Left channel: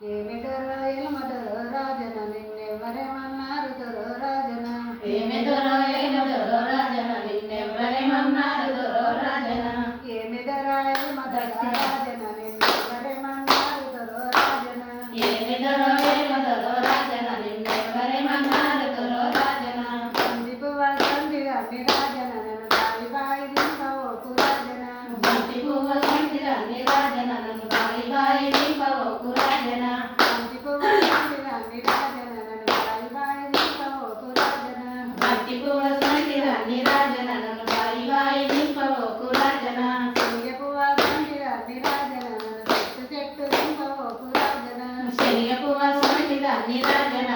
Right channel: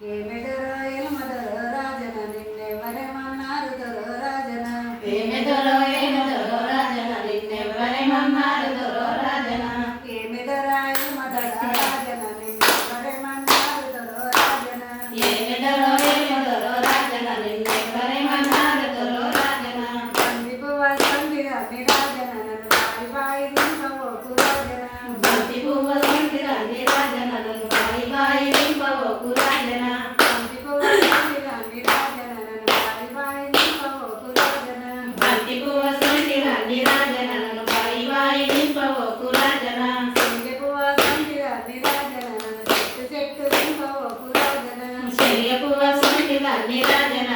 ఏమెదరో ఎలమదరో రాజన నిన్నెవరేమన్నారు దొరో రాజన ఏమెదరో ఏమెదరో రాజన నిన్నెవరేమన్నారు దొరో రాజన ఏమెదరా ఎలమదరో రాజన నిన్నెవరేమన్నారు దొరో రాజన ఏమెదరో ఏమెదరో రాజన నిన్నెవరేమన్నారు దొరో రాజన బంది పువ్వ సంధిగా నిరాజన నన్ను బాయి బాయి దింపవోకు రాజన బంతి పువ్వ సంధిగా నిరాజన నన్ను బాయి బాయి దింపవోకు రాజన బంతి పువ్వ సంధిగా నిరాజన నన్ను బాయి బాయి దింపవోకు రాజన బంతి పువ్వ సంధిగా నిరాజన నన్ను బాయి బాయి దింపవోకు రాజన శల్య పువ్వ సంధిగా నిరాజన నన్ను చెట్టు చెట్టు దింపవోకు రాజన శల్య పువ్వ సంధిగా నిరాజన